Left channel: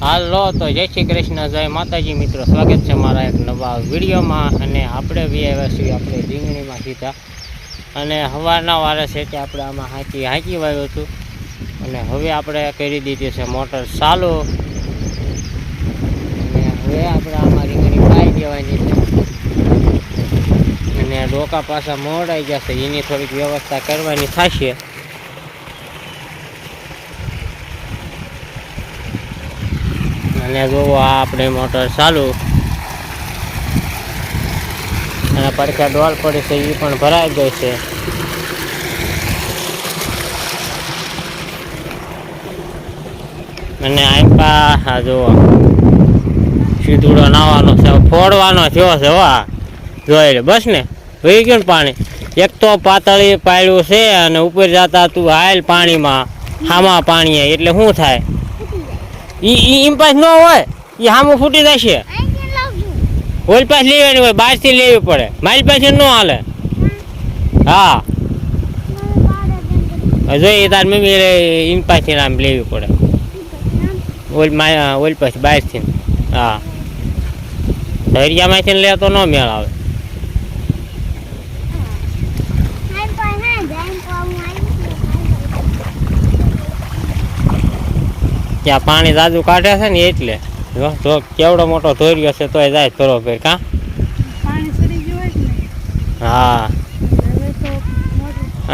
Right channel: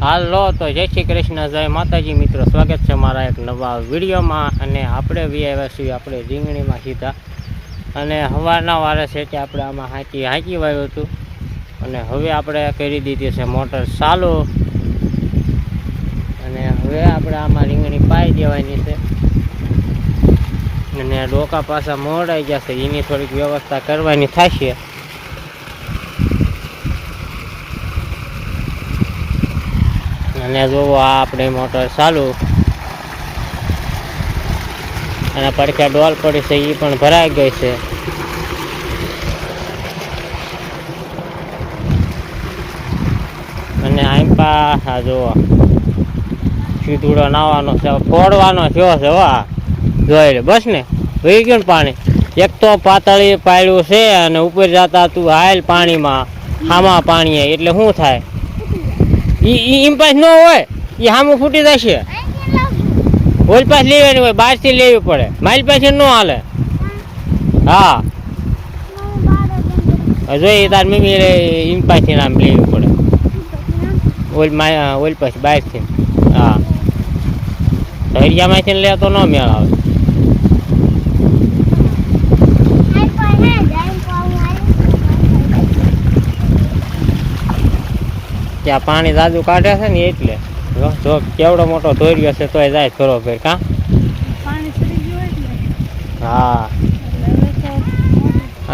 હાલો તો જય શ્રી કૃષ્ણ, જય માતાજી મિત્રો, સ્વાગત છે મારા એક નવા વિડીયોમાં. અને આપણે આવ્યા છીએ આપણે રીંગણીમાં સીધા. અને સવારના વારે છે તે આપણે આમાં હાંકી વાવ્યું હતું. અને હવે આપણે કરી દીધી છે મોટર ચાલુ. અને હવે આપણે આમાં રીંગણી પાઈ દેવાની છે. અને ડોકા પાછા મોડાઈ જશે, એની થોડીક વ્યવસ્થા કરવાની થશે. અને જોવો આ આપણે મોટર ચાલુ. અને પડખે ડોલ પડી છે, એ પણ ભરાઈ ગઈ છે. અને આ જોવો સીધુડો નાવાનો છે, ફોડવાનો થયો છે. વાહ જોઈ લે બસ ને, વહી ગયું ને પાણી. એક તો પાતળી પાડ્યું છે અને ઉપર જતા તું હાલ પાણીમાં, હામાં પાણી એટલે શું થાય? ઈ પાસ ન હોય, એ હામું ફૂટી જશે. ઓલ પાસ લેવાની હોય, બહારથી લેવી પડે, મારી પાસે ન હાલે. હા જોઈ તાર મમ્મી એમ પાસથી આમ લેવી પડે, ઓલ પાસે બહારથી. હા ધૈર્યામાંથી લે તો ન મેળ આવે. ત્યાં પાણી દાદુ કાઢે છે ને એટલે જો કેવડો મોટો ધોર્યો છે તોય જાય બરોબર. કા હા.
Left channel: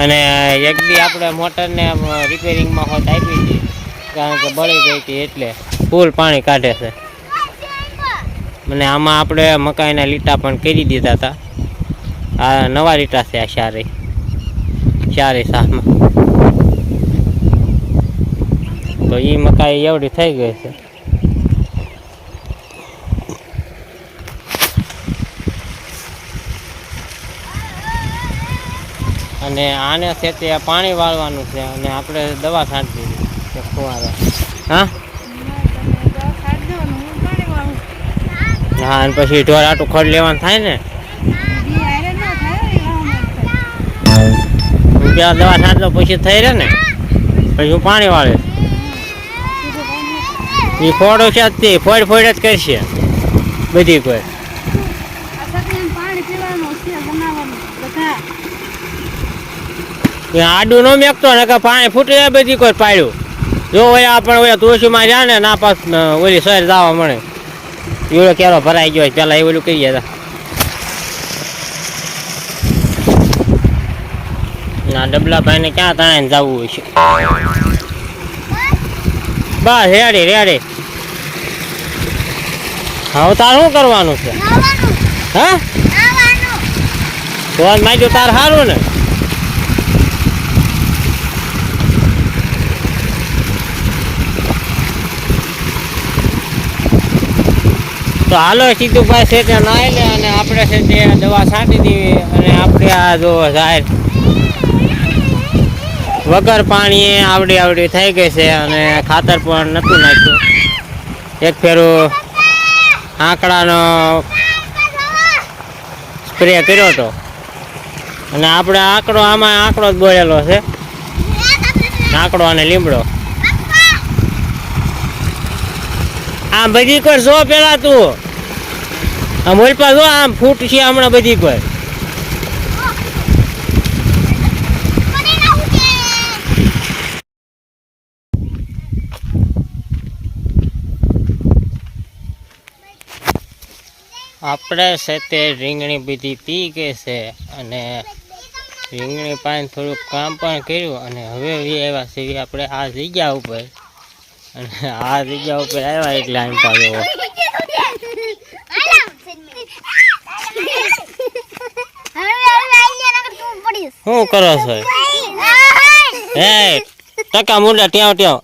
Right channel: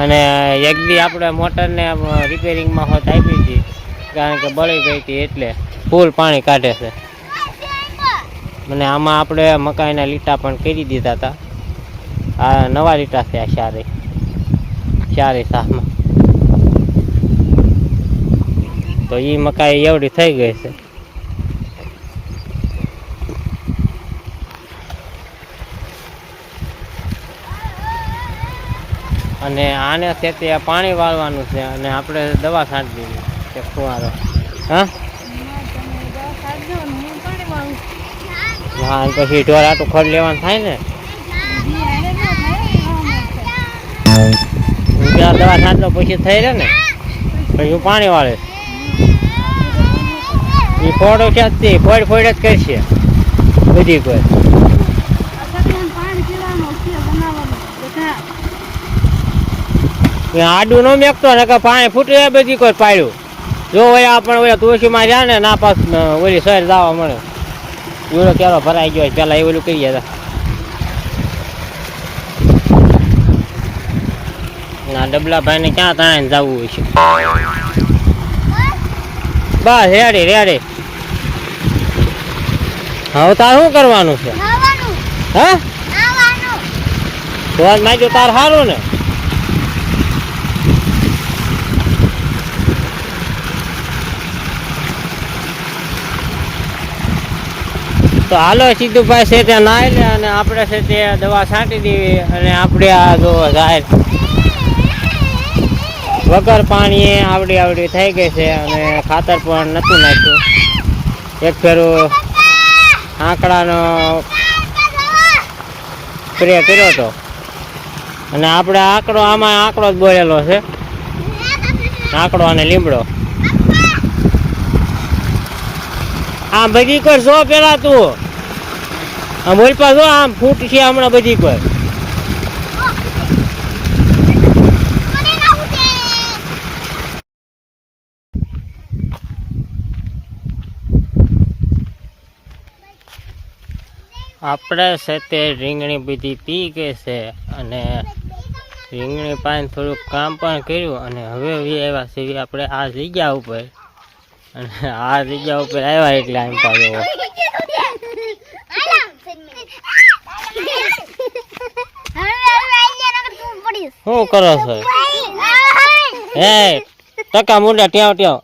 અને એક દી આપણે મોટરને રિપેરિંગમાં હોત આપી હતી, કારણ કે બળી ગઈ હતી એટલે ફૂલ પાણી કાઢે છે. અને આમાં આપણે મકાઈના લીટા પણ કરી દીધા હતા. આ નવા લીટા છે આ ચારે શાકમાં. તો એ મકાઈ એવડી થઈ ગઈ છે. અને આને છે તે પાણી વાળવાનું છે. અને આપણે દવા છાંટી દીધી છે ફુવારો. હા હા, અને પછી ઢોર આટું ખડ લેવાનું થાય ને, ત્યાં દવા છાંટલો પછી થઈ રહે ને, પછી હું પાણી વાળે. એ ફોડો છે જ ફોડ જ કરશે બધી. કોઈ આડું ન મેકતો ને કે પાણી ફૂટે બધી કોઈ પાડ્યું. જો હોય આપણે ઓલા તુલસીમાં રહ્યા ને ના પાસ ઓલી શહેર જવા મળે, એવડો ક્યારો ભરાઈ ગયો પેલા એ ઓલું કહી ગયા ના ડબલાભાઈ ને ક્યાં તણાઈને જવું હોય છે. બસ રેડી. હવે તાર શું કરવાનું છે? હા તો માજુ તાર સારું ને. તો હાલો સીધુભાઈ છે ત્યાં નાઈ લે અને આપણે છે તે દવા છાંટી દેવી. અને આપણે આ જો જાહેર વગર પાણીએ આવડી થઈ ગઈ છે. અને ખાતર પણ નહોતું નાખ્યું. એક ફેરું આંકડાનો સ્પ્રે કર્યો હતો. અને આપણે આમાં આંકડો જ બોલેલો છે, આંકડો અને લીમડો. આમ બધી કર જો પેલા તું આમ ઓલપા જો આમ ફૂટ છે હમણાં બધી પર. આપણે છે તે રીંગણી બધી પી ગઈ છે. અને રીંગણી પાઈને થોડુંક કામ પણ કર્યું. અને હવે આવ્યા છે આપણે આ જગ્યા ઉપર. અને આ જગ્યા ઉપર આવ્યા એટલે આમ પાડ્યો. શું કરો છો? હે ટકા મુંડા ટ્યાવ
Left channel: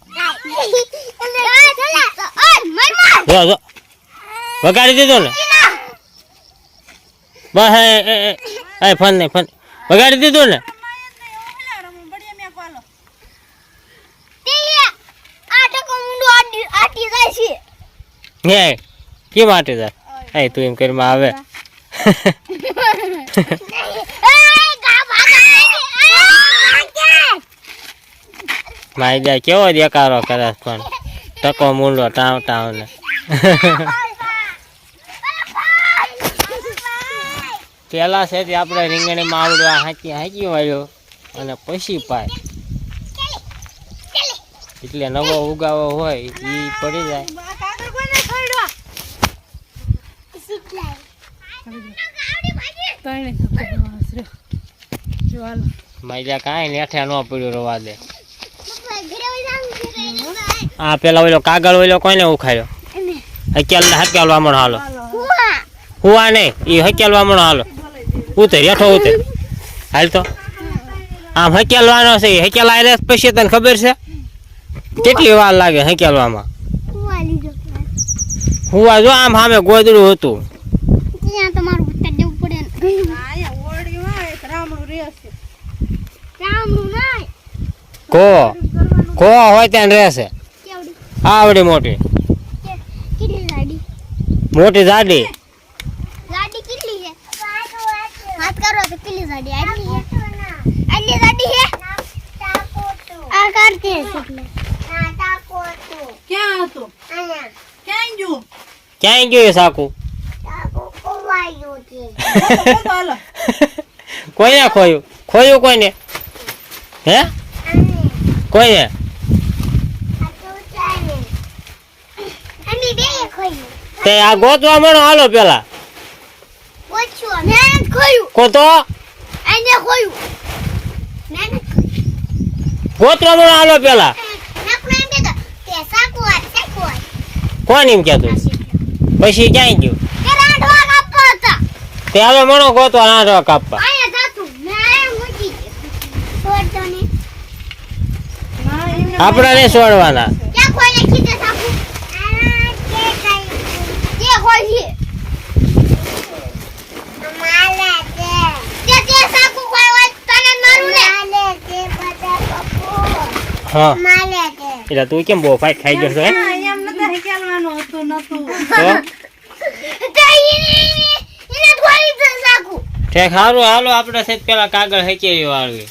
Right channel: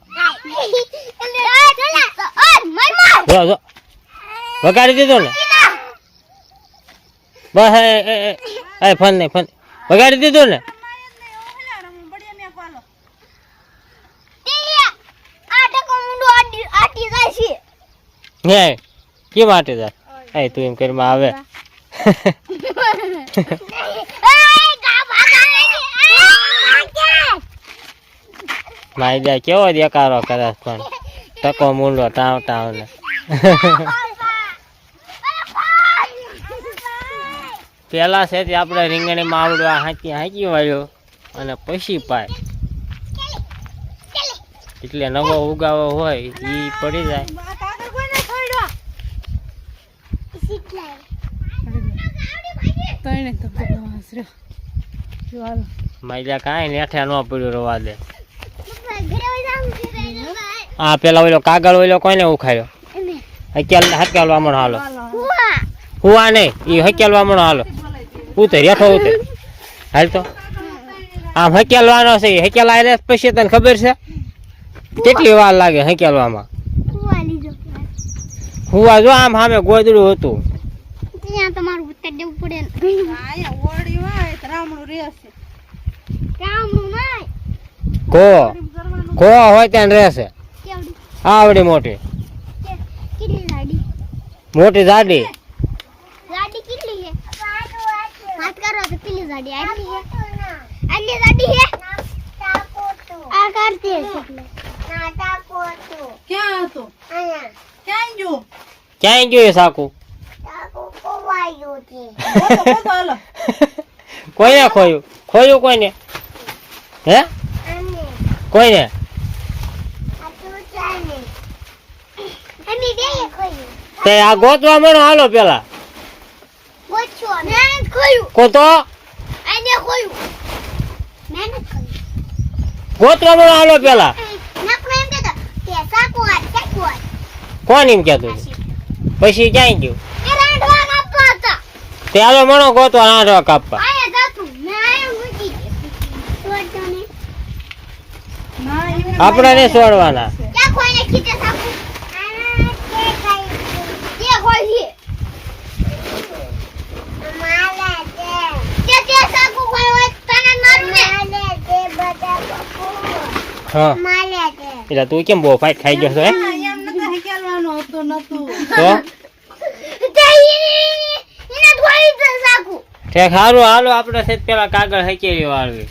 વગાડી દીધો ને બસ. એ ફોન નહીં, ફોન વગાડી દીધો ને. હે કેમ માટે જાય? તું એમ કરી આવે. મારી જાય કેવો દેકારો કરે પણ. ટકો મૂંડો ટાવ ટાવ ને પેલા છે તે આપણે રીંગણીમાં આવડવા હાંકી વાળ્યો અને પછી પાય એટલે નવો ઉગાવો હોય એ પડી જાય. માજા કાંઈ નેઠે ન પડ્યું રવા દે. હા પેલા ઓલો કાગળ ઓલો કોઈને ઉખાડ્યો હકેલવા મણો હાલો હુવા નહીં એ હકેલવા મણો હાલો ઉતર હેઠો ઉતર હાલ તો આમ હકેલવાનો છે હકેલા રે પછી તને ખબર છે કેટલી વાર લાગે હકેલવામાં. હુવા જો આમ સામે ગોદડું હતું કો હોય ત્યાં રહેશે આવડી મોટી મોટી ગાડી ક્યાં ગયું સાકુ કોઈને ખોયું ખોયું કોઈને હે કોઈને તે આ ગોતવા મળો હાલો પેલા ગોતવા મળો હાલો પેલા કોણ એમ કેતું પછી ક્યાં ગયું તે હાલો મણો ગોતવા નાટવા કાપવા આપડા ને છોડવાના હા એટલે તું કેમ બહુ ફાઈટ ખાઈ ગયો છો હે ઠેક હારું હાલો આપણે છે પેલા કાગળ હકેલી વાળવી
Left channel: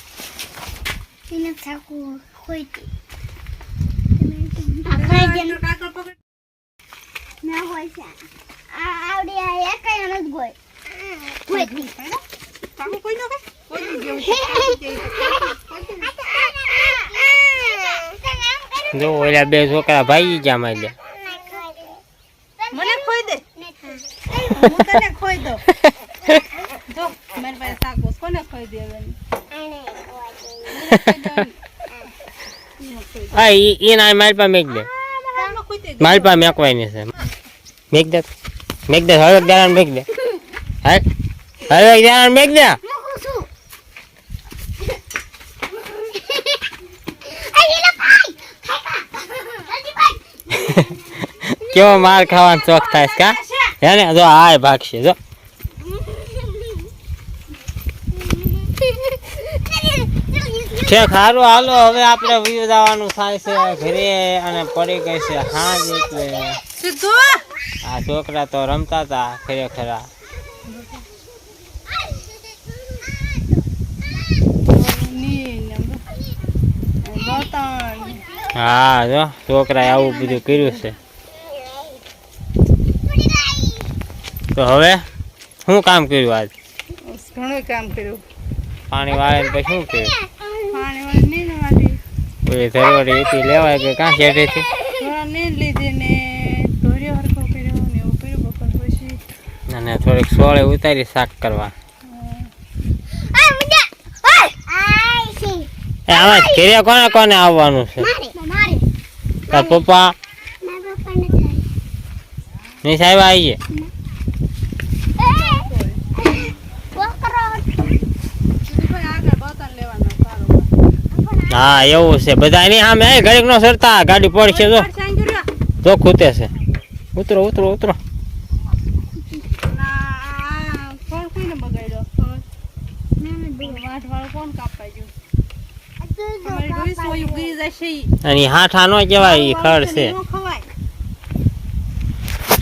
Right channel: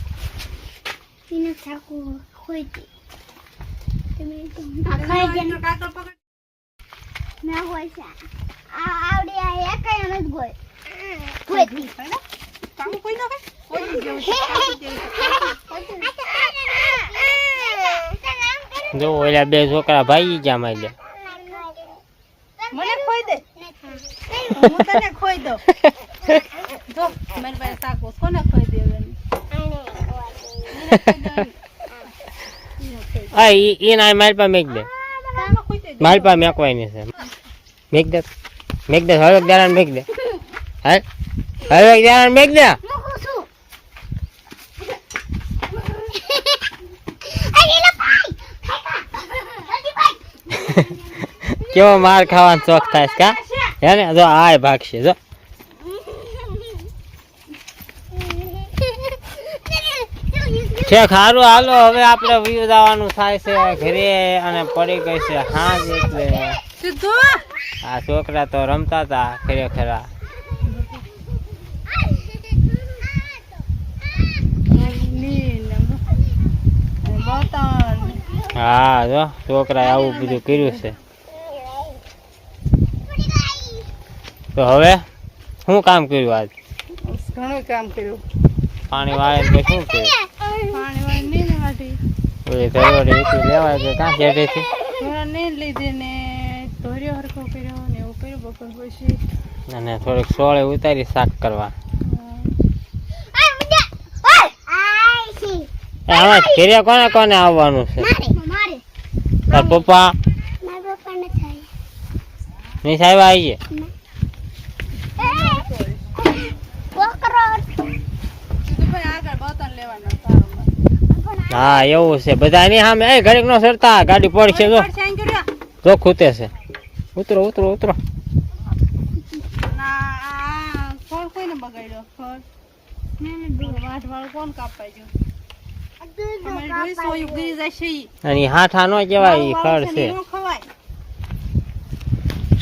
જો ઓલા બે છોકરા ભાઈ ગયા મારે મને ખોઈ દે હું તને ખોઈ દઉં જો મારી પાસે સાકો કોને ખોઈ દેવાની હા ઈ ના મારી પાસે મેક દે મારી પાસે મેકવાની છે મેક દે હવે દાણા મેક દે હવે દાણા મેક દે કેવો માર ખાવાનો શોખ થાય છે કા હે ને જો આય ભાગશે જો ઠેક હારું હાલો હવે આપણે વ્યૂ જવાનું થાય છે ઘરે અને પડી ગઈ છે હાજ એટલે આ છોકરા તો રમતા હતા ખરેખર હા જો છોકરાએ આવું બધું કર્યું છે તો હવે શું કામ કર્યું આજ ઘણું કામ કર્યું પાણી વાળે પછી શું કર્યું પાણી વાળી નહીં વાળી ઓલી ધરવડી હતી લેવાય કે કાં શેઠેથી થોડા નહીં લીધી ને ધોર્યો હરખો કર્યો ને એવું કર્યું બપોર પછી અને થોડીક સોળે ઉતારી શાક કરવા આમાં ઘરે કોને કોને આવવાનું છે તાર પપ્પા નહીં સાહેબ આવી હા એવું છે બધા એની સામે ઘડીક નો સરતા ગાડી પડશે જો ખૂતે છે ઉતરો ઉતરો ઉતરો અને હાથા નો કહેવાય ખડ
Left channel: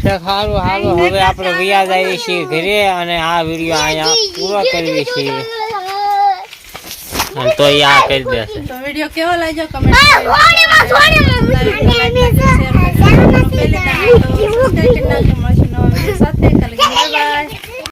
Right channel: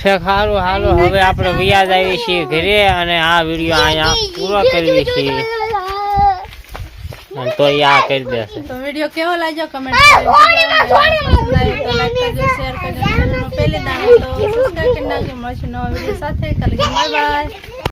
છે સારું હાલો હવે આપણે વ્યાજ આવી છીએ ઘરે અને આ વિડીયો અહીંયા પૂરો કરવી છીએ તો આ કરી દેશે તો વિડીયો કેવો લાગ્યો કમેન્ટ કરી સબસ્ક્રાઇબ કરી નાખજો. મળશું નવા વિડીયો સાથે. Bye bye.